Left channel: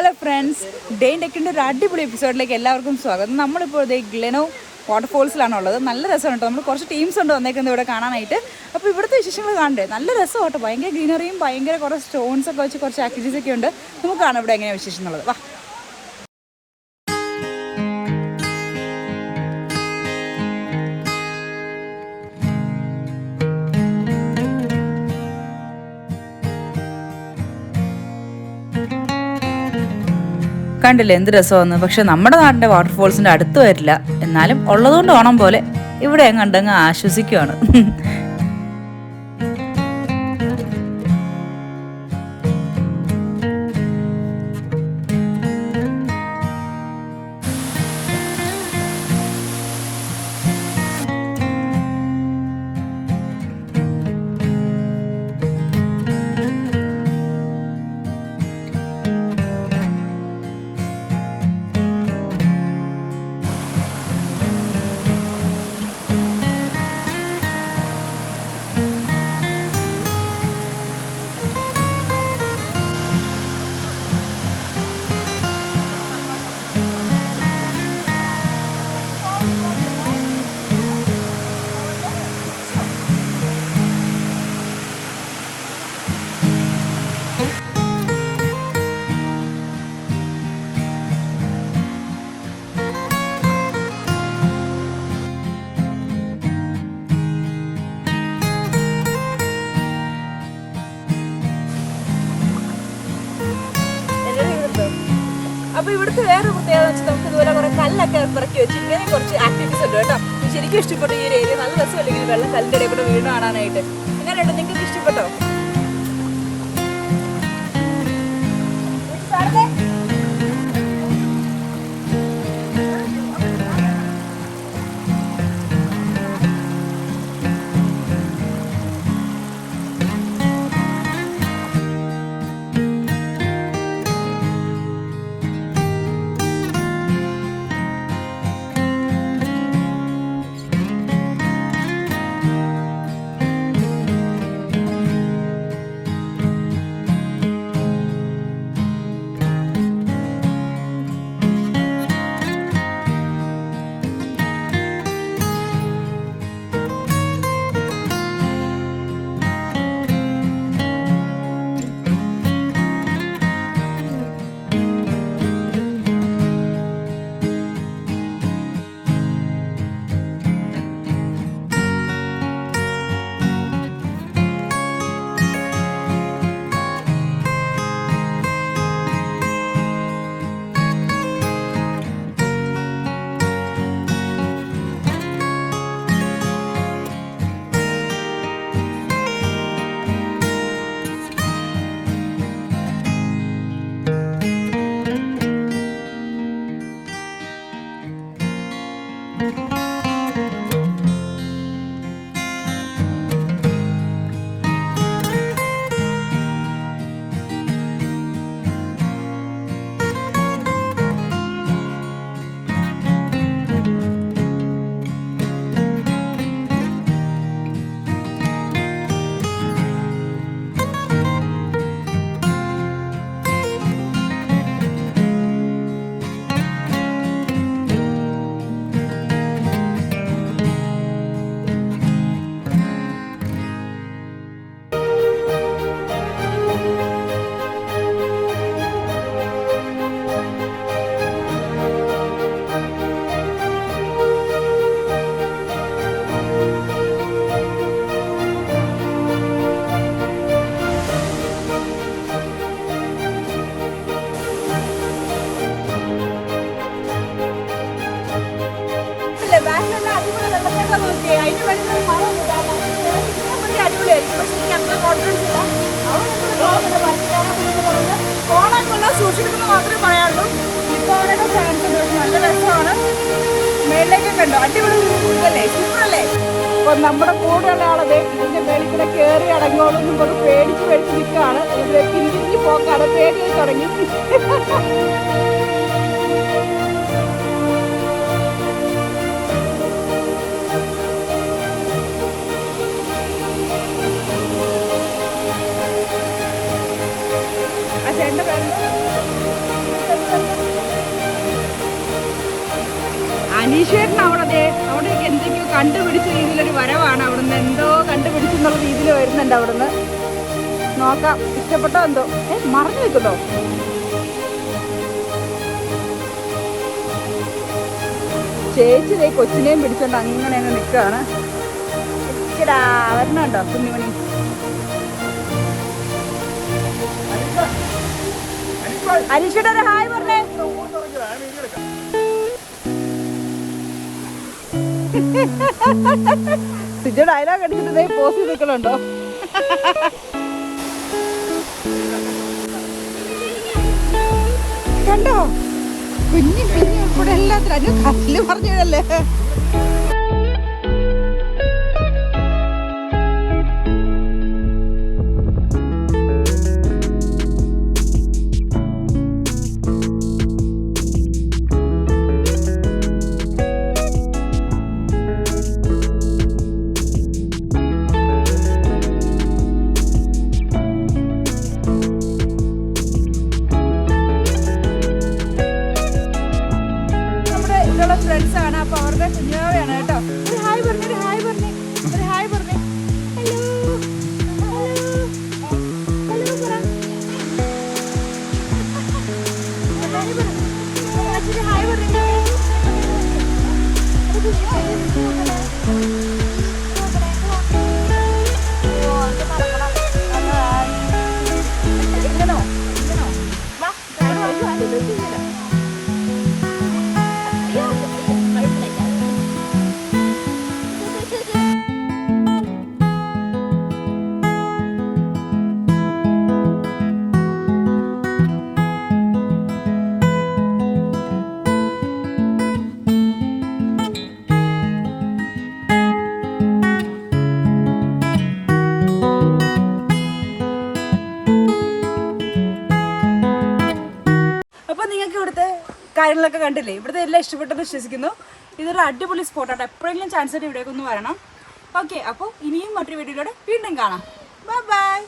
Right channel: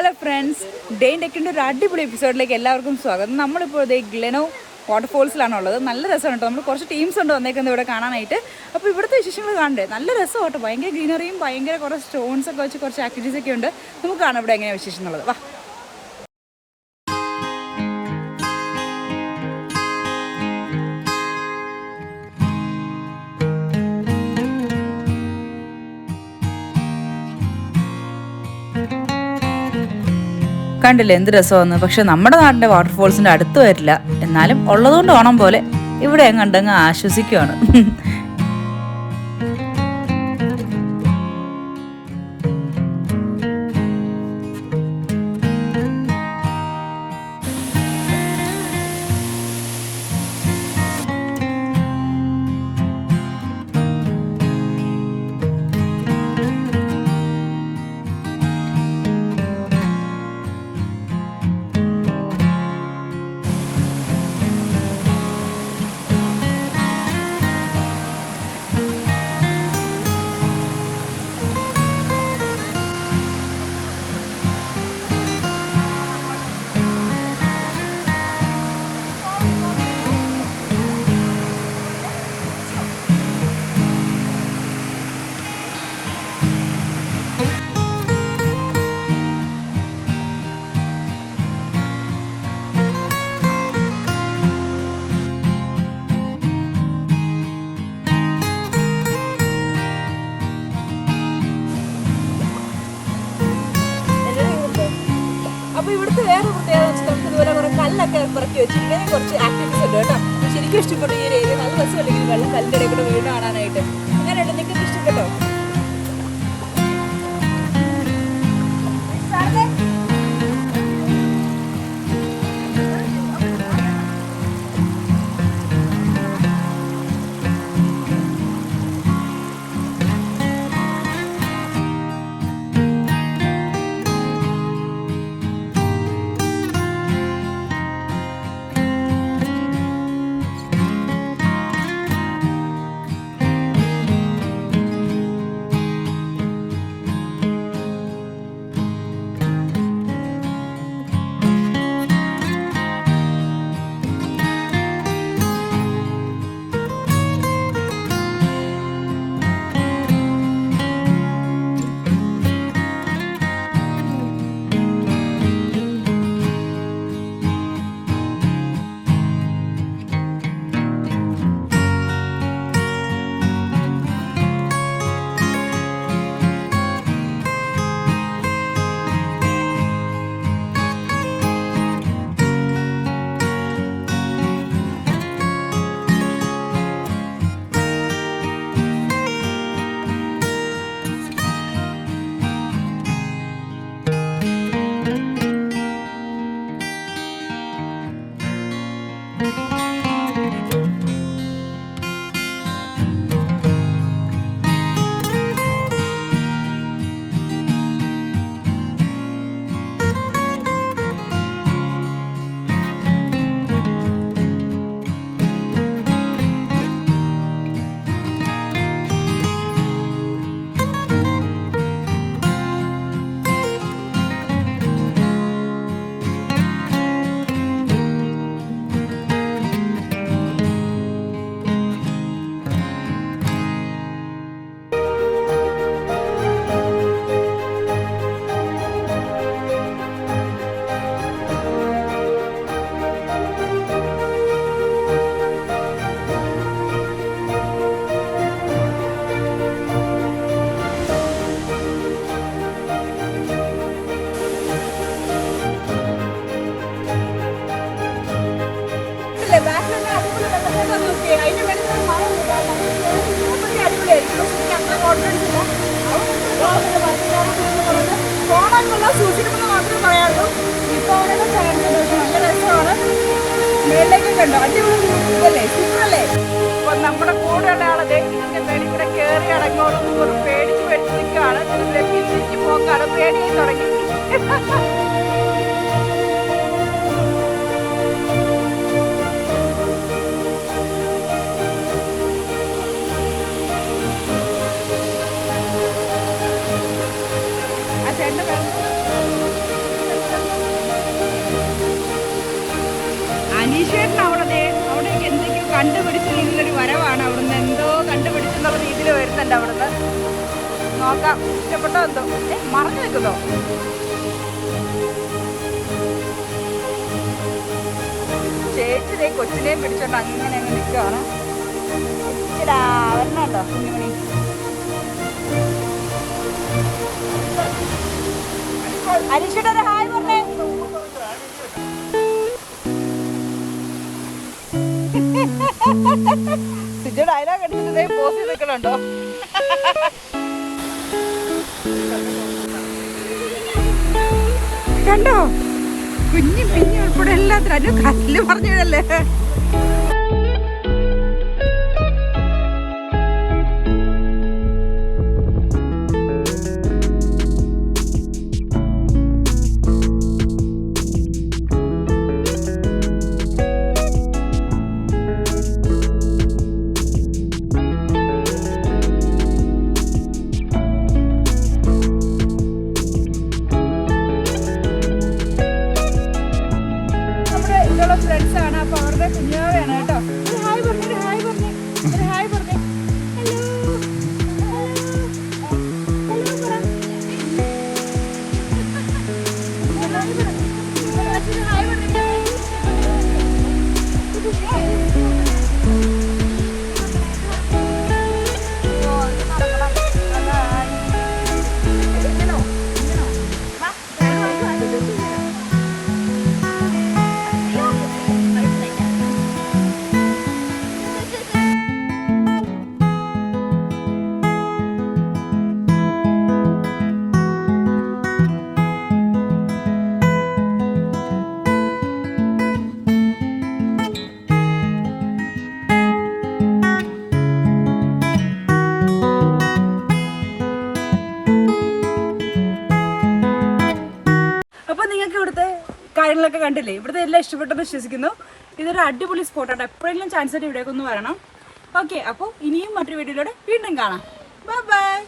Hello friends, day ടെക്കിൻ്റെ ഒരു അടിപൊളി എപ്പിസോഡിലേക്ക് എല്ലാവർക്കും സ്വാഗതം. നമ്മളിപ്പോൾ ഇതേ ഗ്ലെനോ വാട്ടർഫോൾസിലാണുള്ളത്. നല്ല രസമാണ് കേട്ടോ. നമ്മൾ കുറച്ച് ടീംസ് ഉണ്ട് വന്നേക്കുന്നത് ഇവിടെ കാണാനായിട്ട്. അപ്പോൾ ഇവിടുത്തെ വിശേഷങ്ങൾ കാണണ്ടേ, നല്ല രസം കേട്ടോ. ഭയങ്കര ഗ്രീനറിയും ഭയങ്കര കുറച്ച് സ്റ്റോൺസ് ഒക്കെ വെച്ച് കുറച്ച് ആക്ടിവിറ്റീസ് ഒക്കെ ഉണ്ട്. നമുക്ക് കാണാം ഇവിടെ എങ്ങനെയാണ് വിശേഷങ്ങളുള്ളത്. വാ. കണ്ടില്ലേ എന്ത് രസമാണ്. പക്ഷെ നമ്മുടെ നാടിൻ്റെ വാട്ടർഫോൾസിൻ്റെ അടുത്ത് വരില്ല. എന്നാലും ഉള്ളതുകൊണ്ട് ഓണം പോലെ ഇവിടെ കണ്ടങ്ങ് ആശ്വസിക്കുകയാണ്. അപ്പോൾ ഇവിടുത്തെ വേറെ പ്രത്യേകത വെച്ചാൽ നമുക്ക് ഇതുപോലെ കുറേ കല്ലൊക്കെ ഇറക്കി വെച്ച് ഇങ്ങനെ കുറച്ച് ആക്ടിവിറ്റീസ് ഉണ്ട് കേട്ടോ. ശരിക്കും ഇഷ്ടപ്പെട്ടു ഈ ഒരു ഏരിയ. നല്ല രസമല്ലെങ്കിൽ വെള്ളം കല്ലിൻ്റെ ഇടയിൽ കൂടെ വീട് കാണാനായിട്ട്. ഇങ്ങനെയുണ്ട്, നിങ്ങൾക്ക് ഇഷ്ടപ്പെട്ടോ? സൂക്ഷിക്കുന്നത് മാത്രമേ പറയാനുള്ളൂ. ഇപ്പോൾ അവരൊക്കെ ചാൻസ് നല്ല രസമാണ്. മേളിലേക്കൊക്കെ ഉണ്ടോ? അടിപൊളി അല്ലേ, സൂപ്പറല്ലേ? അപ്പോൾ നമ്മുടെ കൂടെയുള്ള ആളൊക്കെ ഇതിൻ്റെ മേളിൽ കൂടെ കയറി അടങ്ങോളം കൊണ്ട് പേടിച്ച് പേടിച്ച് നിൽക്കുകയാണ്. ഇവിടെ പിന്നിലേക്ക് പോക്കാണ്, പേടി തുടങ്ങി. ആ ചേട്ടൻ്റെ പേര് കണ്ടുപിടിച്ച രീതിയിലൊരു വരവാണ്. അവിടുന്ന് എന്തോ കണ്ടുപിടിച്ചെന്നുള്ള രീതിയിൽ വരുന്നുണ്ട്. അവിടുന്ന് നോക്കാം, ഇഷ്ടപ്പെട്ടോ എന്തോ. മറഞ്ഞു വെക്കുന്നോ? ചേച്ചി കൊച്ചിനെയും പിടിച്ചോണ്ട് അങ്ങനെ അങ്ങ് നിൽക്കുകയാണ്. വരണുണ്ടോ കുഞ്ഞുമണി? അനീഷയുടെ ഒരു ഹായ് പറഞ്ഞേ. സിജോ ഡയലോഗ് അടിച്ചിട്ട് പോസ് ചെയ്ത് നിൽക്കണുണ്ടോ? കണ്ടോ? കുഞ്ഞു പിഞ്ഞു ഉൾപ്പെടെ എല്ലാത്തിനും അതിന് കല്ല് പറഞ്ഞതല്ലേ. ഫ്രണ്ട്സ് ആണ്. അപ്പൊ അവരുടെ കുഞ്ഞാവയാണ് കേട്ടോ. ഒരു ഹായ് പറഞ്ഞേ, ഒരു ഹായ് പറഞ്ഞേ, ഒരു ഹായ് പറഞ്ഞേ. അപ്പോൾ നിങ്ങൾക്ക് ഇവിടുത്തെ കാര്യങ്ങളൊക്കെ കണ്ടില്ലേ? ഇവിടുത്തെ എല്ലാം ഇഷ്ടപ്പെട്ടെന്ന് വിശ്വസിക്കുന്നു. ഇതൊരു അടിപൊളി സ്പോട്ടാണ്. എപ്പോഴെങ്കിലും ചാൻസ് ആയിട്ട് ഇവിടേക്കൊന്ന് വരണം. ഓക്കെ, അപ്പോൾ ഇനിയും മറ്റൊരു വീഡിയോയിലൂടെ വീണ്ടും കാണാം. Bye bye.